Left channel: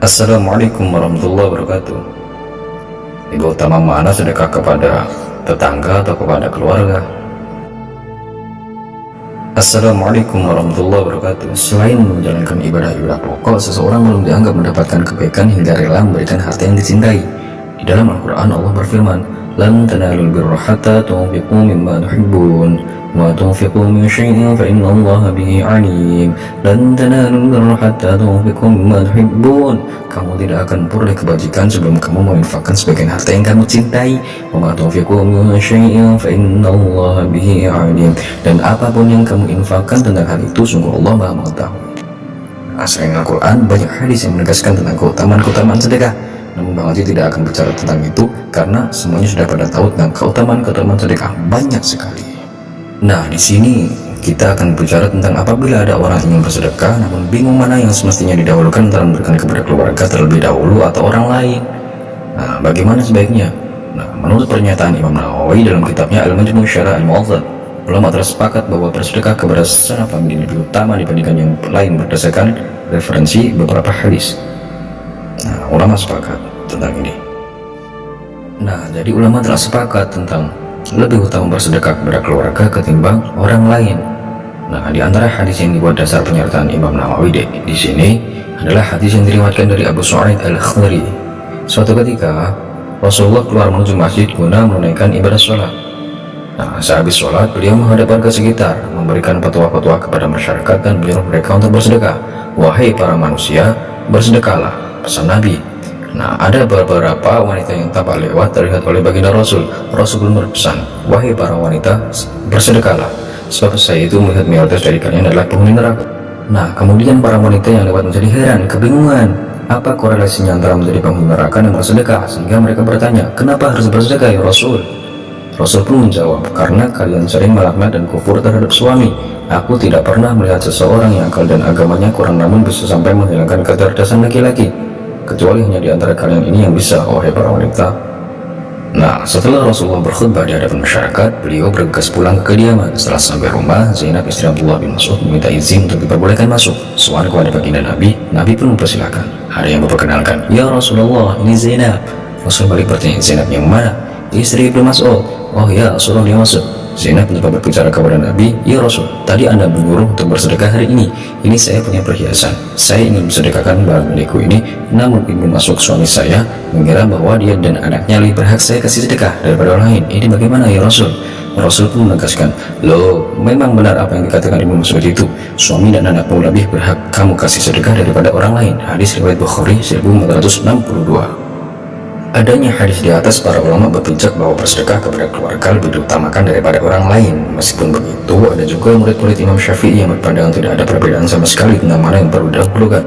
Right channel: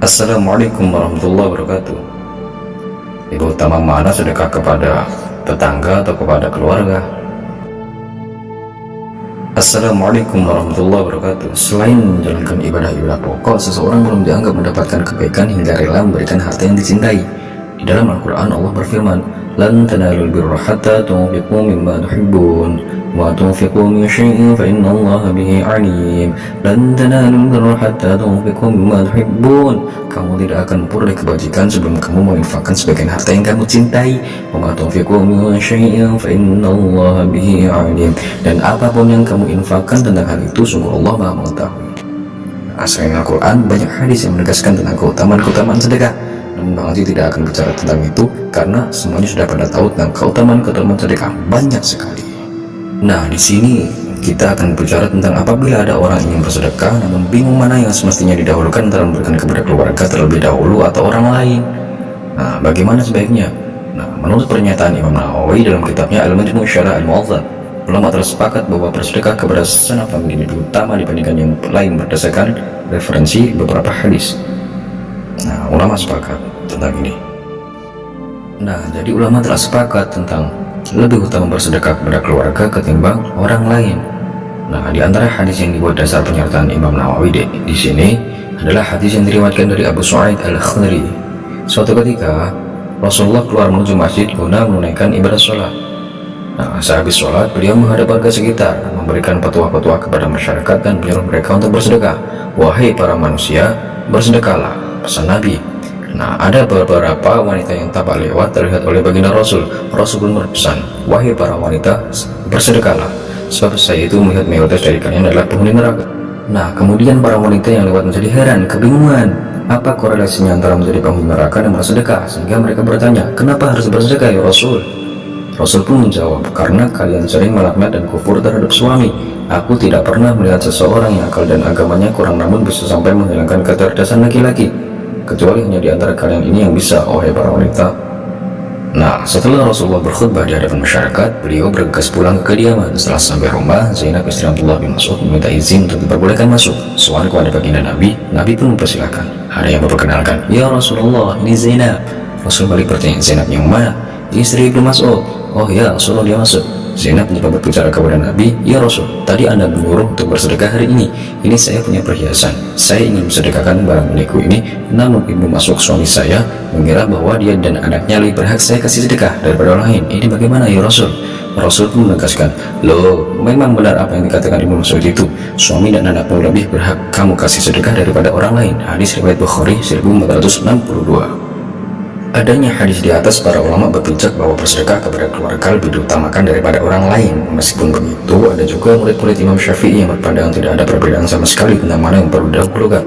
Assalamualaikum warahmatullahi wabarakatuh. Lebih utama mana sedekah kepada tetangga atau kepada keluarga? Assalamualaikum warahmatullahi wabarakatuh. Selain menjalankan ibadah-ibadah pokok, seseorang belum dianggap mendapatkan kebaikan hingga rela memberikan harta yang dicintai. Di dalam Al-Quran Allah berfirman, "Lan tanalul birra hatta tunfiqu mimma tuhibbun, wa tunfiqu min syai'in fa innallaha bihi 'alim." Lan tanalul birra hatta tunfiqu mimma tuhibbun. Kamu tidak akan memperoleh kebajikan sebelum kamu menginfakkan sebagian harta yang kamu cintai. Wa ma tunfiqu min syai'in fa innallaha bihi 'alim. Dan apapun yang kamu infakkan tentang hal itu, sungguh Allah Maha mengetahui. Selain Al-Quran, banyak hadis yang menegaskan tentang keutamaan sedekah. Namun Bang Haji tidak akan bicara tentang itu karena semuanya sudah pada tahu tentang keutamaan sedekah banyak sekali. Nah, di sini kita akan bicara tentang apabila ada orang ingin bersedekah namun bingung mana yang semestinya didahulukan antara memberikan kepada keluarga terlebih dahulu atau orang lain. Nah, bagaimana sebaiknya? Nah, menurut pernyataan Imam Nawawi dalam kitabnya Al-Majmu' Syarah Al-Mu'adzab, ulama tersepakat bahwa bersedekah kepada sesama famili lebih utama dibandingkan yang lain berdasarkan referensi beberapa hadis. Nah, ulama sepakat tentang ini. Nah, jadi ulama telah sepakat tentang lebih utama bersedekah kepada keluarga ketimbang orang lain. Nah, di antara hadis yang dibuat dasar penyertaan Imam Nawawi di sini adalah hadis yang diriwayatkan dari Abu Sa'id Al-Khudri. Suatu ketika Rasulullah keluar menuju masjid guna menunaikan ibadah sholat. Nah, sehabis sholat beliau menghadap warga sekitar, memberikan petua-petua kepada masyarakat dan menyuruh mereka untuk bersedekah. "Wahai para manusia, bersedekahlah," pesan Nabi. Nah, ada beberapa wanita yang tampak lewat terlihat oleh baginda Rasul. Rasul pun berpesan, "Wahai para wanita, bersedekahlah, sebab saya itu melihat mayoritas dari kalian adalah penghuni neraka." Nah, kemudian para wanita yang lewat menjadi heran, kebingungan, apa korelasinya antara menjadi penghuni neraka dan bersedekah, sehingga mereka bertanya, "Kenapa harus bersedekah ya Rasul?" Rasul pun menjawab, "Karena kalian sering melaknat dan kufur terhadap suami. Aku tidak pernah melihat seseorang yang akal dan agamanya kurang namun bisa sampai menghilangkan kecerdasan laki-laki, kecuali hanya di antara kalian ini yang bisa, wahai para wanita." Nah, setelah Rasulullah berkhutbah di hadapan masyarakat, beliau bergegas pulang ke kediaman. Setelah sampai rumah, Zainab istri Abdullah bin Mas'ud meminta izin untuk diperbolehkan masuk. Soal kepada baginda Nabi, Nabi pun mempersilahkan. Ada yang memperkenalkan, "Ya Rasulullah, ini Zainab." Rasul balik bertanya, "Zainab yang mana?" "Istri Ibnu Mas'ud." "Oh ya, suruh dia masuk." Zainab mencoba berbicara kepada Nabi, "Ya Rasul, tadi Anda menyuruh untuk bersedekah hari ini. Ini saya punya perhiasan. Saya ingin bersedekahkan barang milikku ini, namun Ibnu Mas'ud suami saya mengira bahwa dia dan anaknya lebih berhak saya kasih sedekah daripada orang lain. Ini bagaimana ya Rasul?" Rasul pun menegaskan, "Loh, memang benar apa yang dikatakan Ibnu Mas'ud itu. Suami dan anakmu lebih berhak kamu kasih sedekah daripada orang lain." Hadis riwayat Bukhari 1462. Adanya hadis di atas, para ulama berbincang bahwa bersedekah kepada keluarga lebih diutamakan daripada orang lain. Meskipun begitu, ada juga murid-murid Imam Syafi'i yang berpandangan tidak ada perbedaan sama sekali tentang mana yang perlu didahulukan.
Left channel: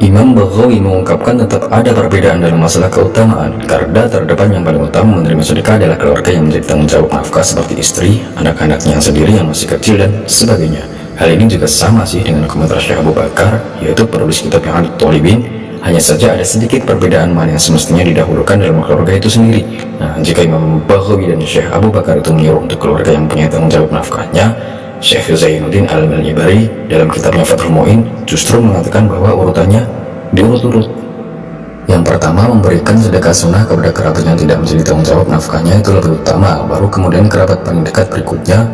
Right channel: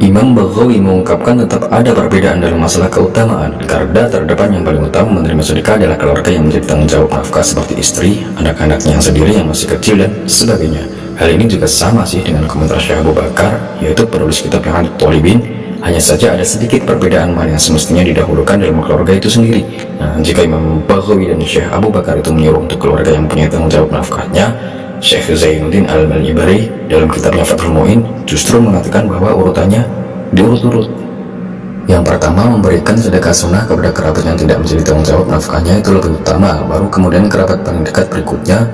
Imam Baghawi mengungkapkan tetap ada perbedaan dalam masalah keutamaan. Garda terdepan yang paling utama menerima sedekah adalah keluarga yang menjadi tanggung jawab nafkah seperti istri, anak-anaknya yang sendiri yang masih kecil, dan sebagainya. Hal ini juga sama sih dengan komentar Syekh Abu Bakar, yaitu penulis kitab yang Tolibin. Hanya saja ada sedikit perbedaan mana yang semestinya didahulukan dalam keluarga itu sendiri. Nah, jika Imam Baghawi dan Syekh Abu Bakar itu menyuruh untuk keluarga yang punya tanggung jawab nafkahnya, Syekh Zainuddin Al-Malibari dalam kitabnya Fathul Mu'in justru mengatakan bahwa urutannya diurut-urut. Yang pertama, memberikan sedekah sunnah kepada kerabat yang tidak menjadi tanggung jawab nafkahnya itu lebih utama, baru kemudian kerabat paling dekat berikutnya,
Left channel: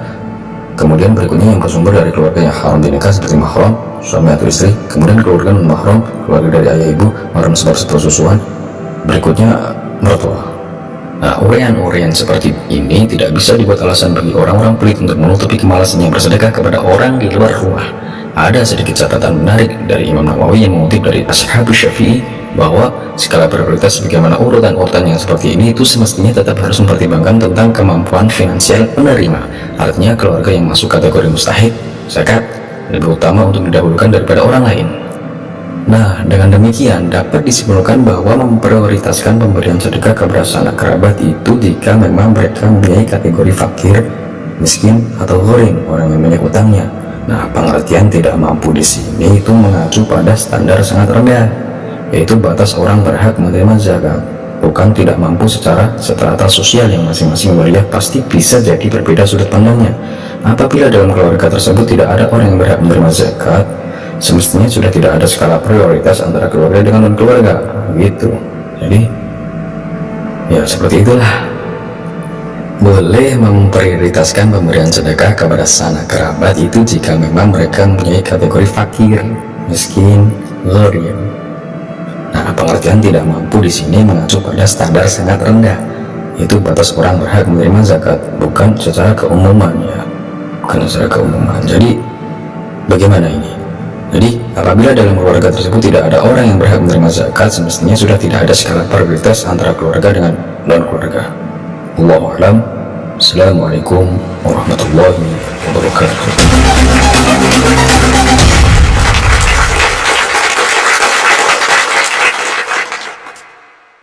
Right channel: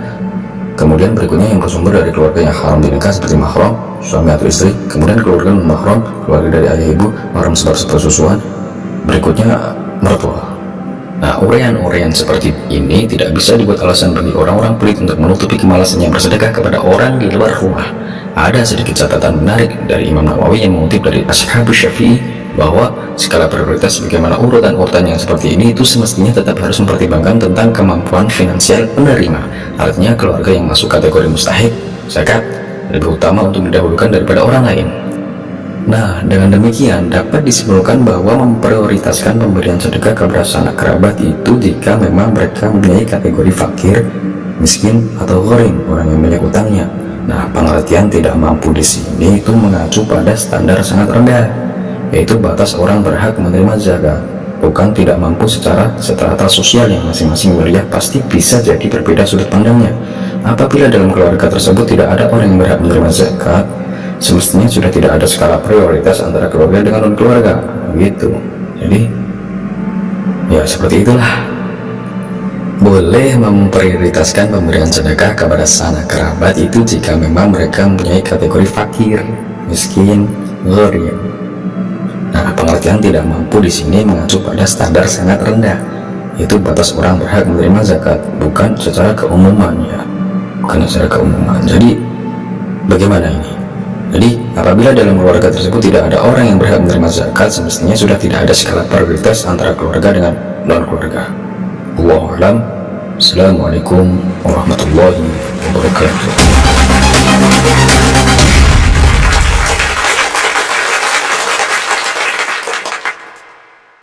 kemudian berikutnya yang bersumber dari keluarga yang haram dinikah seperti mahram, suami atau istri, kemudian keluarga non-mahram, keluarga dari ayah ibu, mahram sebab sepersusuan, berikutnya mertua. Nah, uraian-uraian seperti ini tidak bisa dibuat alasan bagi orang-orang pelit untuk menutupi kemalasannya bersedekah kepada orang di luar rumah. Ada sedikit catatan menarik dari Imam Nawawi yang mengutip dari Ashabus Syafi'i bahwa skala prioritas bagaimana urutan-urutan yang seperti ini itu semestinya tetap harus mempertimbangkan tentang kemampuan finansial penerima. Artinya keluarga yang masuk kategori mustahik zakat lebih utama untuk didahulukan daripada orang lain. Nah, dengan demikian dapat disimpulkan bahwa memprioritaskan pemberian sedekah kepada sanak kerabat itu jika memang mereka mempunyai kategori fakir, miskin, atau gharim, orang yang banyak utangnya. Nah, pengertian tidak mampu di sini itu mengacu pada standar sangat rendah, yaitu batas orang berhak menerima zakat, bukan tidak mampu secara strata sosial yang masing-masing wilayah pasti bisa jadi berbeda sudut pandangnya. Apabila dalam keluarga tersebut tidak ada orang yang berhak menerima zakat, semestinya sudah tidak ada skala prioritas antara keluarga dengan non keluarga gitu. Jadi ya seperti itulah. Boleh memprioritaskan pemberian sedekah kepada sanak kerabat itu jika memang mereka mempunyai kategori fakir, miskin, gharib. Nah, pengertian tidak mampu di sini mengacu pada standar sangat rendah, itu batas orang berhak menerima zakat, bukan secara keumuman ya, bukan secara keumuman. Jadi bagaimana ini? Jadi apabila dalam keluarga tersebut tidak ada orang yang berhak menerima zakat, semestinya sudah tidak ada skala prioritas antara keluarga dengan non keluarga. Wallahu a'lam. Assalamualaikum warahmatullahi wabarakatuh.